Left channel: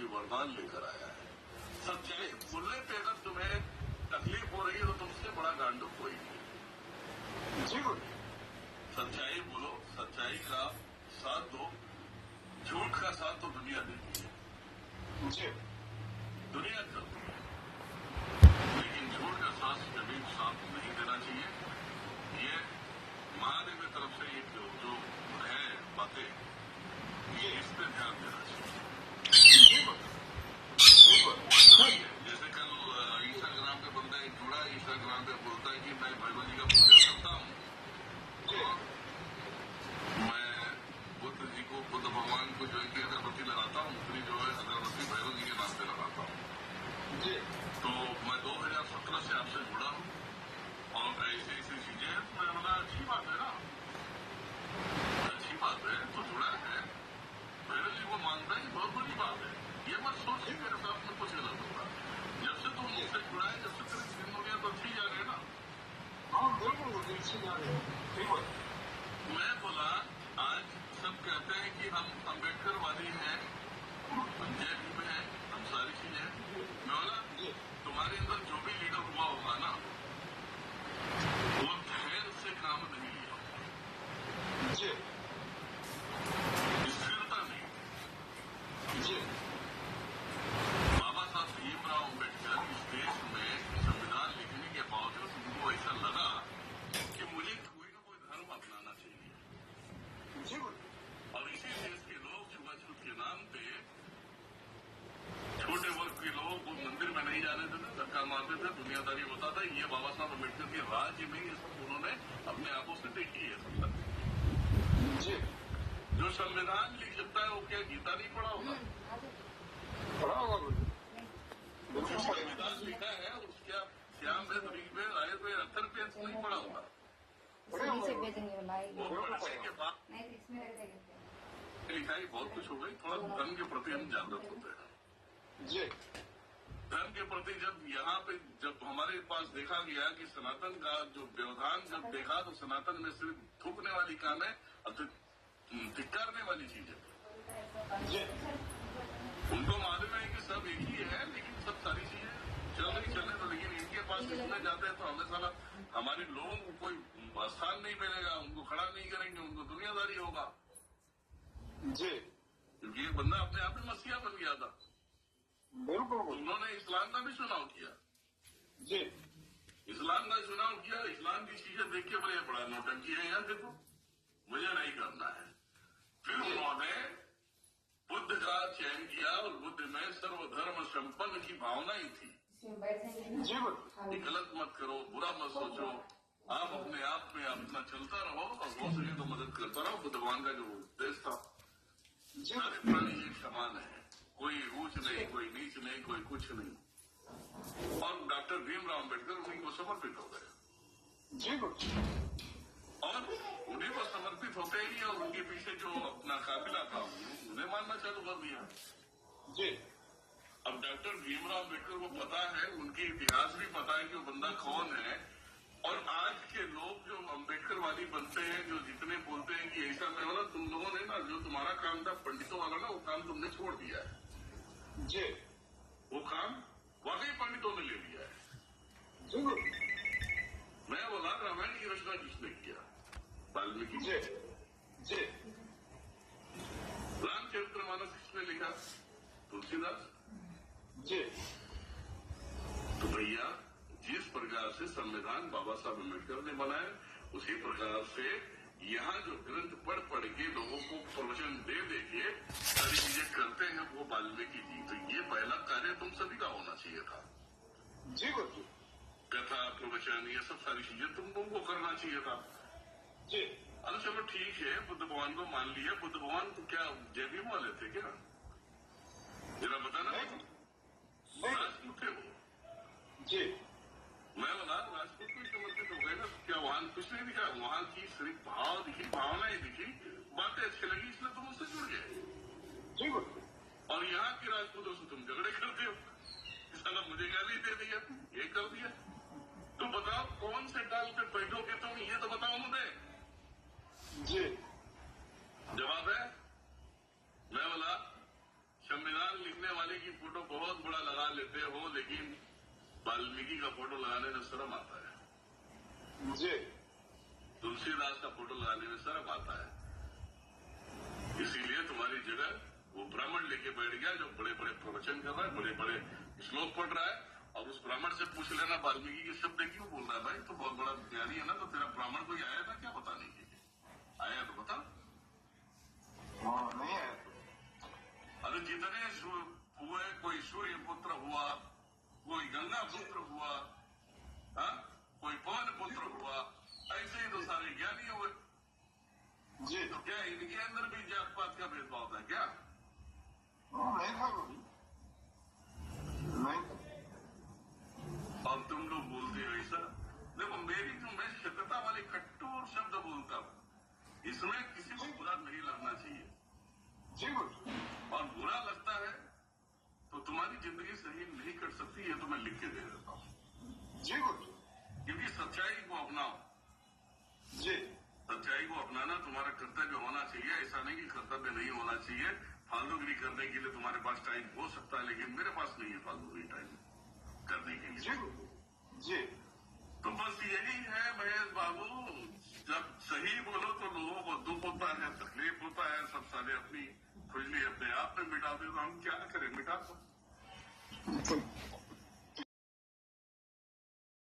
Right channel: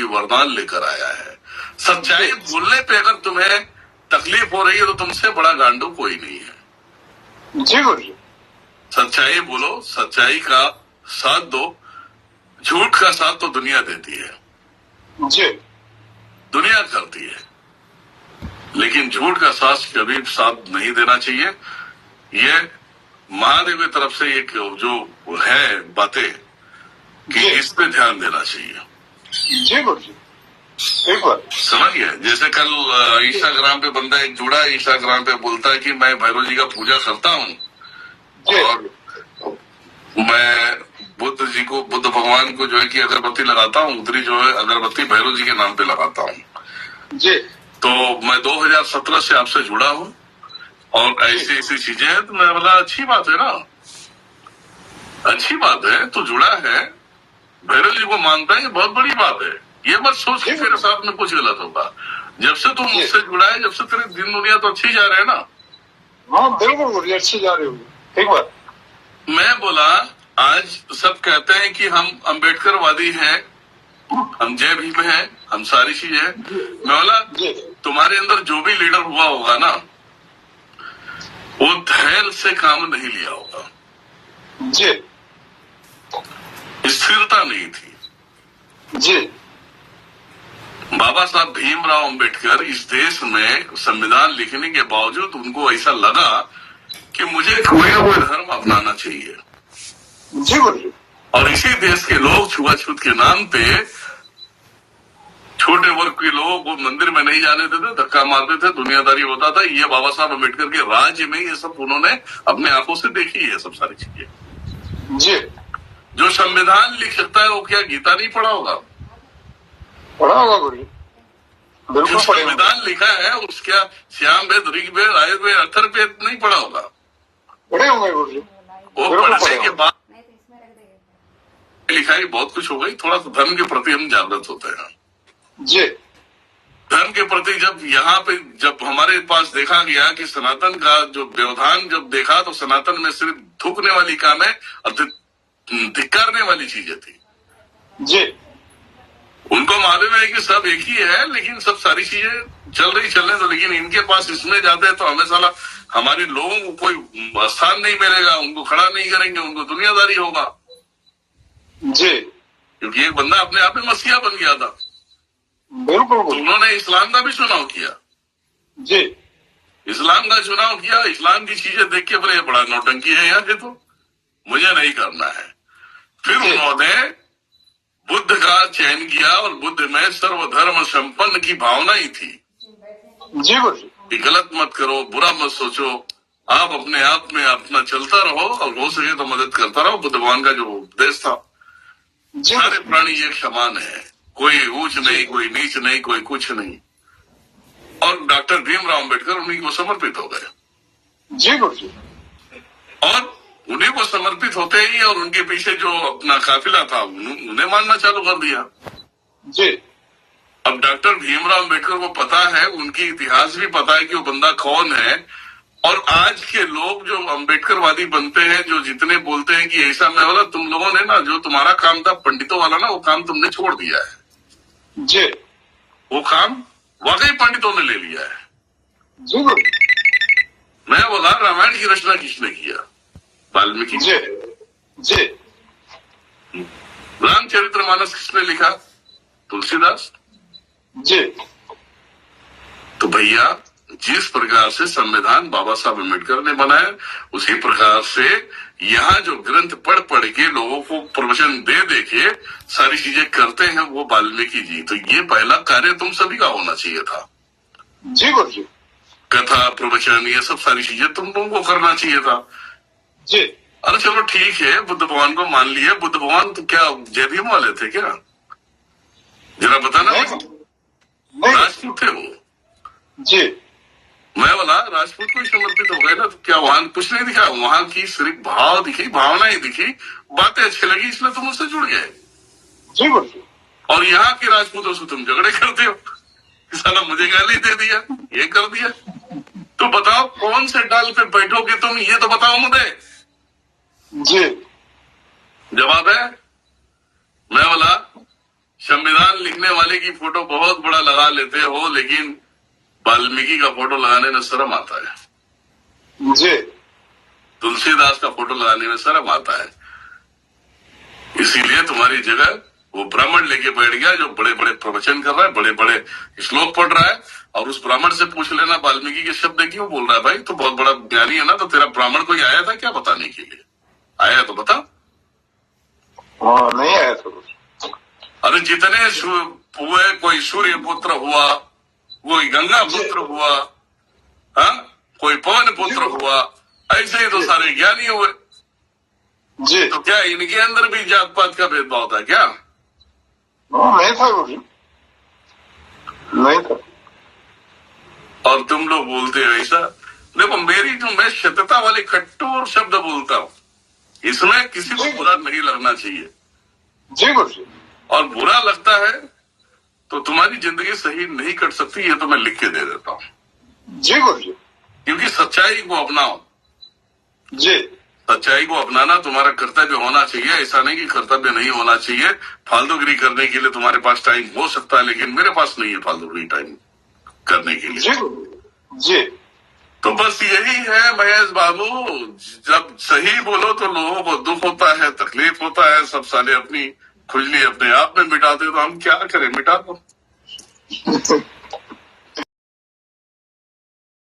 कोई वरदान लेकर आया है। सच्चाई बोलने पे अगर तुम्हें तकलीफ हो रही है तो तुमसे बड़ा गांडू कोई नहीं है। जी गुरुजी। सच्चाई बोलो, सच्चाई का साथ दो। झूठ का साथ तो दुनिया देती है जी। दुनिया करती है, लेकिन झूठ का साथ कभी साथ नहीं देना चाहिए। ये महादेव की तरफ से एक जो है बातें कि इस पे ध्यान देना चाहिए। जी गुरुजी, बिल्कुल समझ गए। जैसे कल इंस्टाग्राम पे बंदा एक जुड़ा, इंस्टाग्राम पे बोलता है कि मैं भैरव जी का पूजा करता हूँ और मैं बुद्ध जी को, बुद्ध भगवान को जो है कि अगरबत्ती लगाता हूँ, उतरी जो है अगरबत्ती भैरव जी के नाम पे लगाता हूँ जी। तो मैं 2017 से आपसे जुड़ा हूँ और ऐसी ऐसी चीजें हैं। तो मैं बोला अच्छी बात है ना, अच्छी बात है, तो जुड़ा है, भैरव जी को मानता है, ये बहुत बड़ी बात है। ये मत सोच कि तेरे साथ में कुछ गलत होगा। जब से तुम मुझसे जुड़ा है, जब से तेरे दिन दुनिया तो अच्छी जा रहे हैं ना। हाँ बिल्कुल अच्छी जा रही हो। एक बार मैं बोला, आज सब कहते हैं कि हम अम्बेडकरवादी हैं, हम जय भीम हैं, हम सारी चीजें हैं। मैं बोला तुम्हारे अंदर जो भी लीडर हुआ होगा ना, वो धैर्य से काम नहीं लिया होगा जी। स्थिरता नहीं थी जी। बाबा साहब भीमराव अंबेडकर इस देश में संविधान लिखने के बावजूद उनको ऐसा लगा कि मुझे कोई ना कोई धर्म अपनाना चाहिए। जी गुरुजी। और इसी देश के लोग छुआछूत के नाम पे छोटे वर्ग के लोगों को मंदिर में नहीं जाने देते, धक्का मारते थे, दुनियादारी होता था। ये बाबा साहब अम्बेडकर के राज्य में ये सब उन्होंने अपने आंखों से देखी है सब सारी चीजें। जी। जो संविधान लिख सकता है वो क्या गीता नहीं पढ़ा होगा? पढ़ा होगा गुरुजी, जो बिल्कुल पढ़ा। संविधान लिखा है उसका श्याम वेद, ऋग्वेद, आयुर्वेद, अथर्ववेद नहीं पढ़ा होगा? पढ़े होंगे गुरुजी। वो पढ़ने के बाद लिखाई बहुत कुछ हो गई। थोड़ा सा धर्म के प्रति हम जागृत होते हैं जी। धर्म के प्रति जब यहाँ पे जब हमारे पास देखा गया कि सनातन का जो व्यवधान जब देखा तो सनातन में सिर्फ थूकने वाली कामें और धिक्कारने वाली चीजें थी। जी। उनको मालूम है कि सब एक ही है, लेकिन सब सारी चीजें चलने दो। लेकिन इनके पास इसमें जाते हैं तो हमें साला हमारे लोगों को कोई स्थान नहीं मिलेगा, उनको खड़ा नहीं करेंगे, उनको दुनियादारी होगा। जी। क्योंकि एक बंदा अपने आप में मसीहा बन गया था, बिल्कुल तो उन्होंने इस्लाम का भी चुनाव किया। जी। इस्लाम का चुनाव किया, इस्लाम की चीजें देख के बोले बड़ा नौटंकी है यहाँ के, तो मुझे नहीं करना है। फिर उन्होंने बुद्ध का चयन किया और बुद्ध में सर्वधर्म संपन्न की भावना ही थी। जी गुरुजी। गलत मत करो, बुरा मत सोचो, आप अपने आप में अपना चलता रहो और हो सके तो मदद करता रहो। बुद्ध भगवान का जो उपदेश था, सारे प्राणी एक समान है, कोई ऊंच नहीं, कोई नीच नहीं, कोई कुछ नहीं। और डॉक्टर भीमराव अंबेडकर उन्हीं को समर्पित हो गए। जी गुरुजी। और उन्हीं को समर्पित होते ही और उनके पीछे जो अपना काफिला था उन्हें मानना चालू कर दिया। जी। अब डॉक्टर भीमराव अंबेडकर को पता है, उनकी इतिहास भी पता है कि वो बंदा कौन है। और आज के लोग जो अंबेडकरवादी बनते हैं, जो जितने बोलते हैं कि ऐसा मैं बोला, तुम लोगों ने ना जो तुम्हारा काम था पंडितों वाला ना, वो काम तुमने छोड़ दिया है। जी। वो काम वाकई पंडितों ने ले लिया है। जी गुरुजी। मैं बोला रामायण की रचना किसने किया? वाल्मीकि। जी। जी। रामचरितमानस किसने लिखा? तुलसीदास। जी। तो भैया जिस प्रकार से संविधान बाबा साहब अम्बेडकर ने बनाया, उसी प्रकार से यहाँ जो ग्रंथ पढ़ के लोगों को प्रवचन दे के सारी चीजें करते हैं वो वाल्मीकि जी। तो ये पहला कार्य तुम सभी का होना चाहिए था। जी गुरुजी। कथा, प्रवचन, ये सब सारी चीजें तुम लोगों को करना चाहिए था। जी। अरे चलो ठीक है, बुद्ध भगवान को मान लिया। बुद्ध भगवान तो क्या जय भीम वाले थे क्या? जरा बताना। राजपूत थे वो। जी। मैं बोला राजपूत को ही समर्पित हो गए ना, तो क्या वहां कुछ नहीं दिखा? वहां की सिर्फ भाव दिखी, भावनाएं दिखी, बातें अच्छी लगी, इसलिए तुम उससे जुड़ गए। जी गुरुजी। और यहाँ के राजपूतों से तुम झगड़े करते हो, साला मुझे गाली दे दिया, ये कर दिया। तो बताओ कौन से डाल पे बैठोगे तुम, ये तो बताओ मुझे। जी। जवाब है, मैं बोला संविधान लिखने वाले की फोटो बहुत बड़ा लगा लेते हो, लेकिन वाल्मीकि का फोटो लगाने में शर्म आता है। जी तुलसीदास का फोटो लगाने में शर्म आता है। इसीलिए तुम्हारी जगह वो ब्राह्मण लेके बैठ गया जो बड़े बड़े प्रवचन कर रहा है, बड़े बड़े श्लोक पढ़ रहा है, और उस ब्राह्मण से पूछ लेना वाल्मीकि के शब्द क्यों बोल रहा है। भाई तो बहुत बड़ा ज्ञानी है ना, तो तेरा ब्राह्मण कोई आया था क्या बताने के लिए? आया तो बता। हाँ, नहीं आया तो अरे जितने हुए, कोई सूर्य पुत्र हुआ, कोई गंगा पुत्र हुआ, हाँ, कोई पवन पुत्र हुआ, ऐसे ही तो सारे ज्ञानी हुए। जी। तो क्या इनके अंदर भी जात पात का भेदभाव था क्या? नहीं था गुरु जी, नहीं था। और तुम लोग बोलते हो ऐसा। देखो मेरी जो मैं सत्यता वाली कठोर शब्द बोलता हूँ, इसमें किसी को बुरा नहीं लगना चाहिए। जी गुरु जी। और बुरा लगता है तो तुम्हारी जिंदगी सही नहीं कट सकती, ये तो मैं लिख के दे देता हूँ। जी गुरु जी। क्योंकि सच्चाई को अपनाओ। जी। सच्चाई को अपनाना तुम्हारा कर्तव्य होना चाहिए। ऐसा नहीं कि कर्तव्य नहीं होना चाहिए। फालतूगिरी करने के लिए तुम्हारे पास टाइम हो सकता है, लेकिन मेरे पास नहीं है फालतूगिरी टाइम करने के लिए। जी गुरु जी। तो बस यही है महेश बाबू, जब सही बोलो तो लोगों को दुख होता है, तकलीफ होता है, सब साले अपनी खुजली अपने आप में मिटाते, तो हम क्या करें, मिटा दो।